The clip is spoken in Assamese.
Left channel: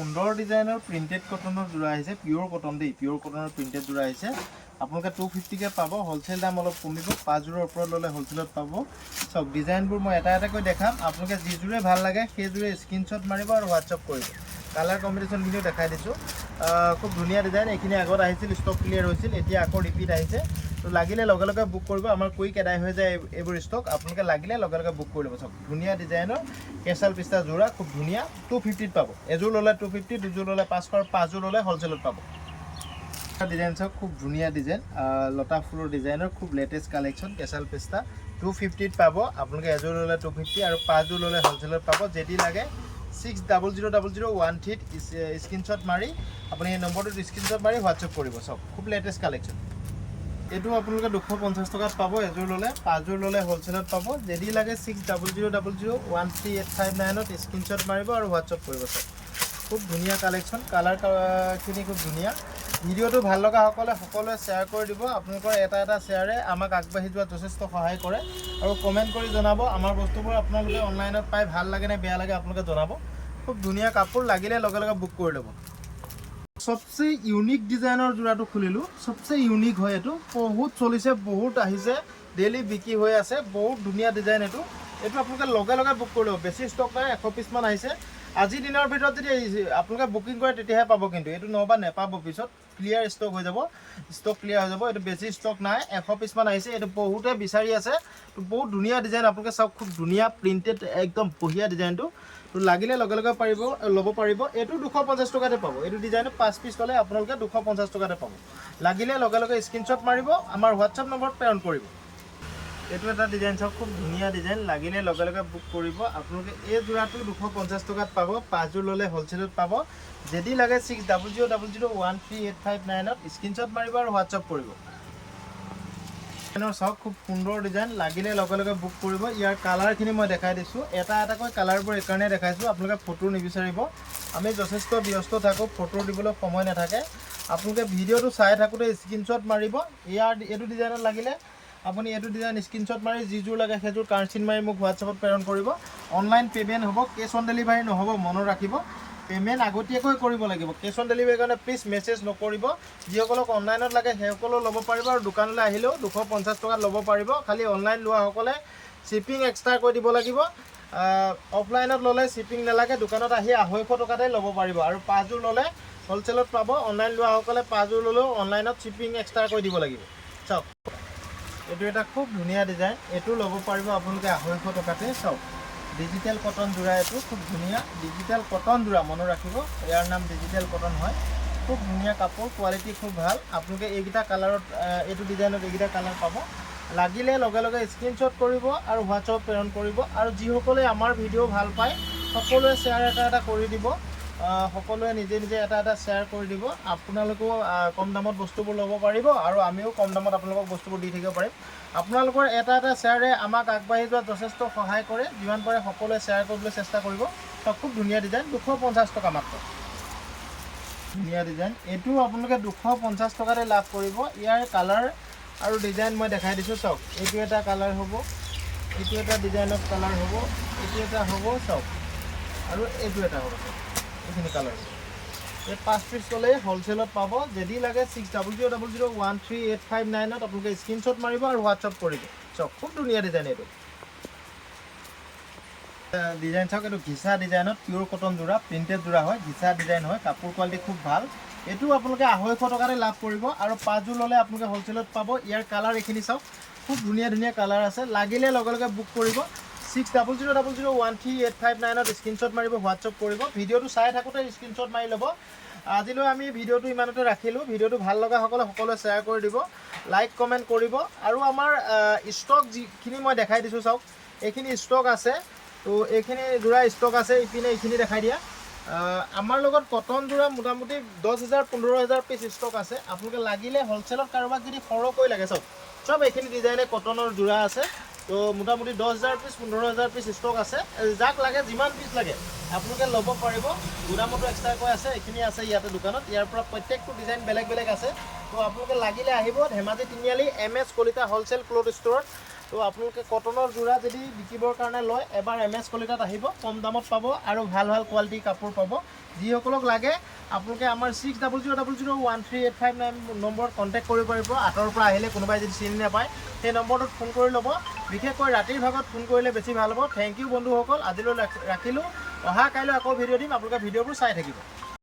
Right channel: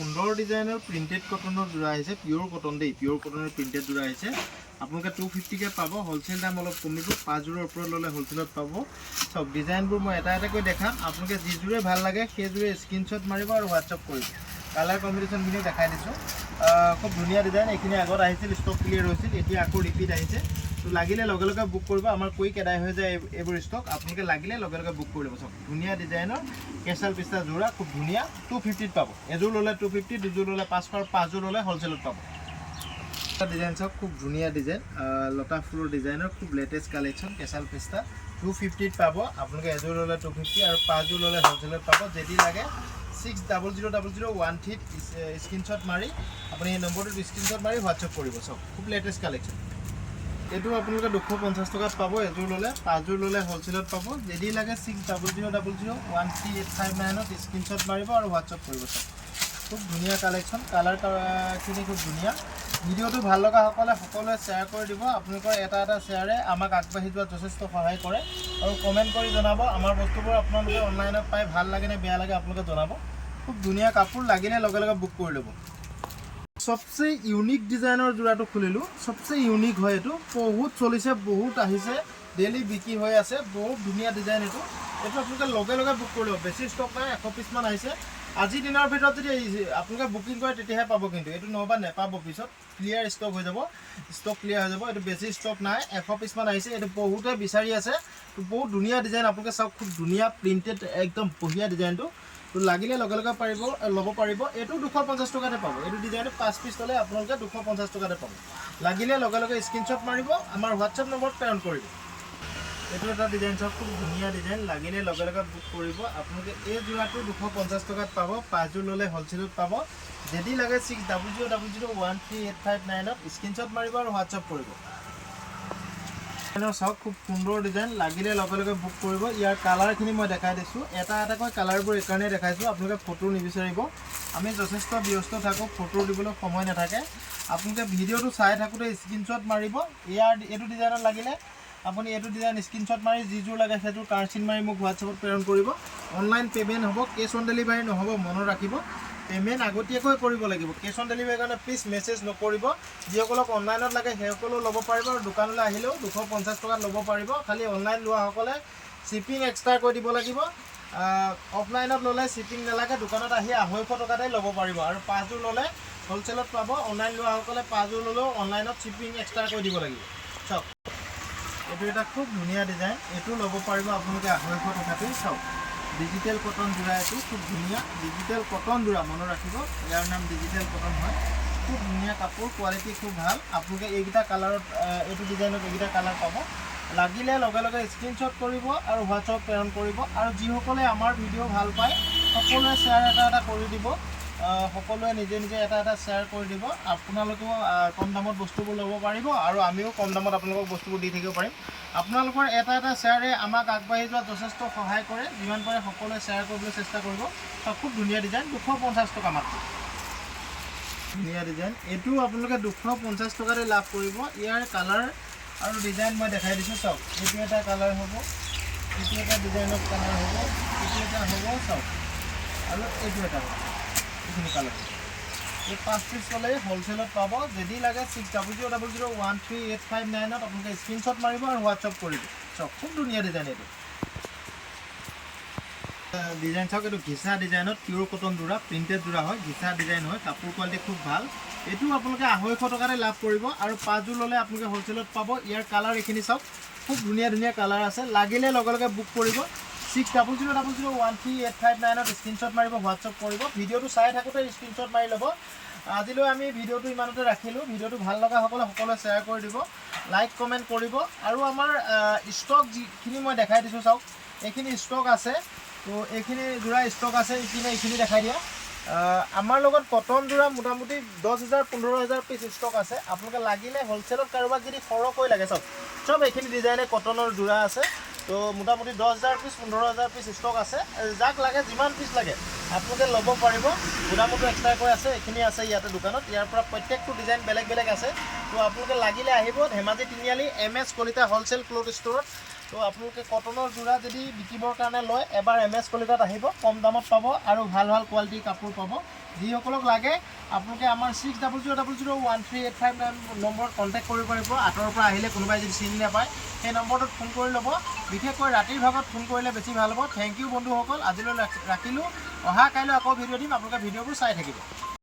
সুন্দৰ ডিজাইনৰ প্ৰিন্টেড কটনৰ যোৰা আহিছে, পিওৰ কটন দেই, পিওৰ কটনৰ প্ৰিন্টেড যোৰা আহিছে। আপোনালোকে 250 কে পাব, হোলসেল দাম অলপ কমিব, 5 যোৰৰ ওপৰত ল'লে হোলসেলত পাব। সব ডিজাইনবোৰ মই এটা এটাকৈ দেখাম, আপোনালোকে যি যোৰে ভাল লাগে সেই যোৰে স্ক্ৰীনশ্বট মাৰিব আৰু হোৱাটছআপ কৰিব। কালাৰ কম্বিনেশ্যনখিনি দেখাই দিছোঁ, খুব ধুনীয়া ডিজাইন। এইখিনি আগত আহিছিল, ষ্টক ক্লিয়াৰ হৈছিল, এতিয়া আকৌ ৰিপিট আহিছে। তো লাগিলে লগে লগে বুক কৰিব, আমাৰ কুইক এদাই হৈ যায় এইবোৰ ষ্টক। আপোনালোকে লাগিলে লগে লগে বুক কৰি ল'ব। চব ধুনীয়া ডিজাইনৰ কেঁচাল পিষ্টা যোৰা, খুব ধুনীয়া। 250 পাব, এযোৰ ল'লে 250, দুযোৰ ল'লে 500 আৰু 5 যোৰ ল'লে হোলসেলত পাব। ডিজাইন চাওক, খুব ধুনীয়া ডিজাইন, লতা ফুলৰ ডিজাইনৰ খুব লেটেষ্ট কালেকশ্যন। কেঁচাল পিষ্টা 250 পাব, আপোনালোকে এযোৰ ল'লে 250 আৰু 5 যোৰ ল'লে হোলসেলত পাব। যদি লাগে 60000013 স্ক্ৰীনশ্বট মাৰি আপুনি এই নম্বৰটোত স্ক্ৰীনশ্বট মাৰি হোৱাটছআপ কৰিব। চব খুব লেটেষ্ট কালেকশ্যন। এইটো আপোনালোকে 250 টকাত পাব এযোৰ ল'লে, 5 যোৰ ল'লে হোলসেলত পাব। যদি লাগে 60000013 স্ক্ৰীনশ্বট মাৰিব আৰু হোৱাটছআপ কৰিব। চব খুব ধুনীয়া কালেকশ্যন, কালাৰখিনি খুব ধুনীয়া। ভিডিঅ'টো ভাল লগা সকলোৱে শ্বেয়াৰ কৰি দিব। আপোনালোকৰ এটা এটা শ্বেয়াৰে আমাক আগবাঢ়ি যোৱাত যথেষ্ট সহায় কৰে। আৰু কমেণ্ট কৰি জনাব আমাৰ বস্তুবোৰ আপোনালোকে অনলাইনত পাই ভাল লাগে নে বেয়া লাগে আপোনালোকে জনাব। খুব ধুনীয়া কাপোৰ, লাগিলে লগে লগে বুক কৰি ল'ব। সবচে ইউনিক ডিজাইনৰ যোৰাটো খুলিলোঁ, সবচে ইউনিক হয় এইটো, বহুত চলিছে, বহুত আহিছে, ডেইলি বিক্ৰী হৈ আছে, বহুত ধুনীয়া ডিজাইন এইটো। এইটো আপোনালোকে লগে লগে বুক কৰি ল'ব, বেছি ষ্টক নাই, 100 পিছমান আহিছে। আজিৰ দিনৰ ভিতৰত যদি আপোনালোকে বুকিং কৰে তেতিয়াহে পাব, কিন্তু এইটো নহ'বা নেপাব, পিছত ক্লিয়াৰ ষ্টক হৈ যাব, ষ্টক ক্লিয়াৰ হৈ যাব। এইটো বেছি ষ্টক নাই, 100 পিছমান আহিছে। এইটো বহুতে বিচাৰি আছে, বহুত ধুনীয়া ডিজাইন। আপোনালোকে চাওক, খুব ধুনীয়া প্ৰিণ্টেড, একদম বঢ়িয়া ডিজাইনটো। তো লাগিলে লগে লগে ল'ব পাৰিব। এইটো 250 টকাতে পাব। এইটো ডিজাইনত 5 পিচ ল'লে আপোনালোকে 250 টকাতে পাব। লাগিলে লগে লগে স্ক্ৰীনশ্বট মাৰিব, আমাৰ হোৱাটছআপ নম্বৰত প্ৰেৰণ কৰিব। এইটো এটা ডিজাইন চাওক, খুব ধুনীয়া ডিজাইন, লাগিলে লগে লগে বুক কৰিব। আপোনালোকে এই যোৰাটো 250 টকাত পাব, 5 যোৰ ল'লে হোলসেলত পাব। যদি লাগে 60000013 স্ক্ৰীনশ্বট মাৰিব আৰু হোৱাটছআপ কৰিব। চাওক, খুব সুন্দৰ ডিজাইন, লাগিলে লগে লগে বুক কৰিব। ইয়াৰ কালাৰখিনি মই দেখাই দিছোঁ, এটা এটাকৈ কালাৰবোৰ এইকাৰণে দেখাইছোঁ, আপোনালোকে ফটো নিবিচাৰিব। আমি যথেষ্ট ব্যস্ত থাকোঁ, ফটো দিবলৈ সময় নাথাকে। আপোনালোকে ভিডিঅ'টো চাই থাকোঁতে স্ক্ৰীনশ্বট মাৰিব। এইটো ডিজাইনত লাগিলে আপুনি এইটো ডিজাইন স্ক্ৰীনশ্বট মাৰি যিযোৰ লাগে সেইযোৰ কাৰ্ডশ্বীট মাৰি মোক হোৱাটছআপত প্ৰেৰণ কৰিব। অনলাইন পে'মেণ্ট হ'ব, কেছ অন ডেলিভাৰী নহ'ব, মনত ৰাখিব। পে'মেণ্ট আগতীয়াকৈ কৰিব লাগিব। কেছ অন ডেলিভাৰীৰ কাৰণে প্লিজ মেছেজ নকৰিব। যিসকলক অনলাইনত লাগে সেইসকলেও ল'ব পাৰিব, আৰু দোকানলৈ আহিলেও 250 টকাত ল'ব পাৰিব। খালি অনলাইন লোৱাসকলে শ্বিপিং এক্সট্ৰাকৈ দিব লাগিব। অফলাইনত ল'লে শ্বিপিং নালাগে, দোকানত আহি 250 টকাতে ল'ব পাৰিব। আৰু 5 যোৰ ল'লে হোলসেলত পাব। অনলাইন লোৱাসকলে 5 যোৰ ল'লেও অনলাইনত শ্বিপিং এক্সট্ৰাকৈ দিব লাগিব। চাওক, এইটো এটা খুব ধুনীয়া ডিজাইন, এইটো ল'ব পাৰিব আপোনালোকে 250 টকাতে। চাওক, ডিজিটেল কটন যোৰা, এইটো খুব ধুনীয়া ডিজিটেল কটন যোৰা, মনত ৰাখিব, ইয়াৰ নাম ডিজিটেল কটন হয়। খুব ধুনীয়া কাপোৰ, কোৱালিটি খুব ভাল। আপোনালোকে এইকেইটা কালাৰত, এইটো ডিজাইনত এইকেইটা কালাৰ পাব। লাগিলে লগে লগে স্ক্ৰীনশ্বট কৰিব আৰু হোৱাটছআপ প্ৰেৰণ কৰিব। আৰু যিসকলে আমাৰ ভিডিঅ' ভাল পায় সকলোৱে শ্বেয়াৰ এটা এটা কৰি দিব, সকলোৱে নিজে নিজে এটা এটা শ্বেয়াৰ কৰি দিব। আপোনালোকেও কম দামত বস্তুবোৰ ল'ব পাৰিব, আৰু আমিও কম দামত আপোনালোকক বস্তুবোৰ দি থাকিব পাৰিম। আপোনালোকৰ এটা এটা শ্বেয়াৰে আমাক আগবাঢ়ি যোৱাত যথেষ্ট সহায় কৰে। যিমান পাৰে সকলোৱে শ্বেয়াৰ কৰিবলৈ চেষ্টা কৰিব। খুব ধুনীয়া ডিজাইন, 250 টকা মাত্ৰ। ধুনীয়া ডিজাইন, এইটো আপোনালোকে 250 টকাতে লাভ কৰিব। ইয়াৰ কালাৰ আৰু ডিজাইন মই দেখাই দিছোঁ। চাওক, এইটো এটা কালাৰ হ'ব, এইটো এটা ডিজাইনত কালাৰ হ'ব, এইটো এটা হ'ব, চাওক, আৰু এইটো এটা হ'ব। এইখিনি কালাৰ এই 5 পিচ ল'লে হোলসেলত পাব। যদি লাগে 60000013 আপোনালোকে স্ক্ৰীনশ্বট মাৰিব আৰু হোৱাটছআপ কৰিব। চাওক, খুব ধুনীয়া ডিজাইন। এইটো ডিজাইন চাওক, এইটো ঘিচা ডিজাইনত পিয়'ৰ কটন যোৰা, প্ৰিণ্টেড যোৰা হয়, ঘিচা ডিজাইন হয়, কাপোৰ কোৱালিটি খুব ভাল। এইটো আপোনালোকে 250 টকাতে লাভ কৰিব, আৰু 5 যোৰ ল'লে আপোনালোকে হোলসেলত পাব। ইয়াৰ কালাৰ এইখিনি চাওক, খুব ধুনীয়া ধুনীয়া কালাৰ আছে। লাগিলে লগে লগে বুক কৰিব। 60000013 স্ক্ৰীনশ্বট মাৰিব, হোৱাটছআপ কৰিব। ভিডিঅ'টো চাই থাকোঁতে স্ক্ৰীনশ্বট মাৰি ল'ব। আজিলৈ আমি ভিডিঅ'টো ইমানতে ৰাখিলোঁ। ভিডিঅ'টো ভাল লগা সকলোৱে শ্বেয়াৰ কৰি দিব, লাইক কমেণ্ট কৰিব। আৰু আমাৰ ষ্টক যিখিনি মই দেখাই দিছোঁ, চাওক, এইখিনি ষ্টক আছে। তো এইখিনি যোৰা ষ্টক আছে, এইখিনি দেখাই দিয়া। আমাৰ লগত কটন যোৰা মোটামুটি 10,000-15,000 পিচ ষ্টক আছে। আপোনালোকে লাগিলে হোলসেলত কাৰোবাক যদি সৰহকৈ লাগে, চব এইখিনি ডিজাইনে কটনৰ যোৰা আছে। তো মোটামুটি 10,000 পিচ 15,000 পিচ ষ্টক আছে। যাক লাগে যিমান পিচ লাগে আপোনালোকে ল'ব পাৰিব। গোদামতো এক্সট্ৰাকৈ আছে, এইখিনি আছে ইয়াতে দোকানত। ইয়াৰ পৰা প্ৰত্যেকটো ডিজাইন বেলেগ বেলেগ আছে। তো আপোনালোকে লাগিলে আহিব ধেমাজি তিনিআলি MS কলিতা হোলসেল ক্লথ ষ্ট'ৰত। তো আপোনালোকে কটনৰ যোৰা যদি বিকিবৰ কাৰণে লয় এবাৰ MS কলিতাত আহিব, কম দামত পাব আৰু ভাল ভাল কোৱালিটিৰ কাপোৰ পাব। যিসকলক লাগে আপোনালোকে আমাৰ 6000013859 নম্বৰত কণ্টেক্ট কৰিব পাৰিব। আঁতৰৰ পৰা আহিলে কোনোবাই যদি চিনি নাপায় সেই নম্বৰটোত ফোন কৰি ল'ব। বিশেষকৈ ৰাতিৰ ভাগত ফোন কৰিলে বেছি ভাল হ'ব। থেংক ইউ বন্ধুসকল, আজিলৈ ৰাখিলোঁ। অহা কাইলৈ আকৌ ভিডিঅ' দিম, আপোনালোকে ভিডিঅ'বোৰ চাই থাকিব।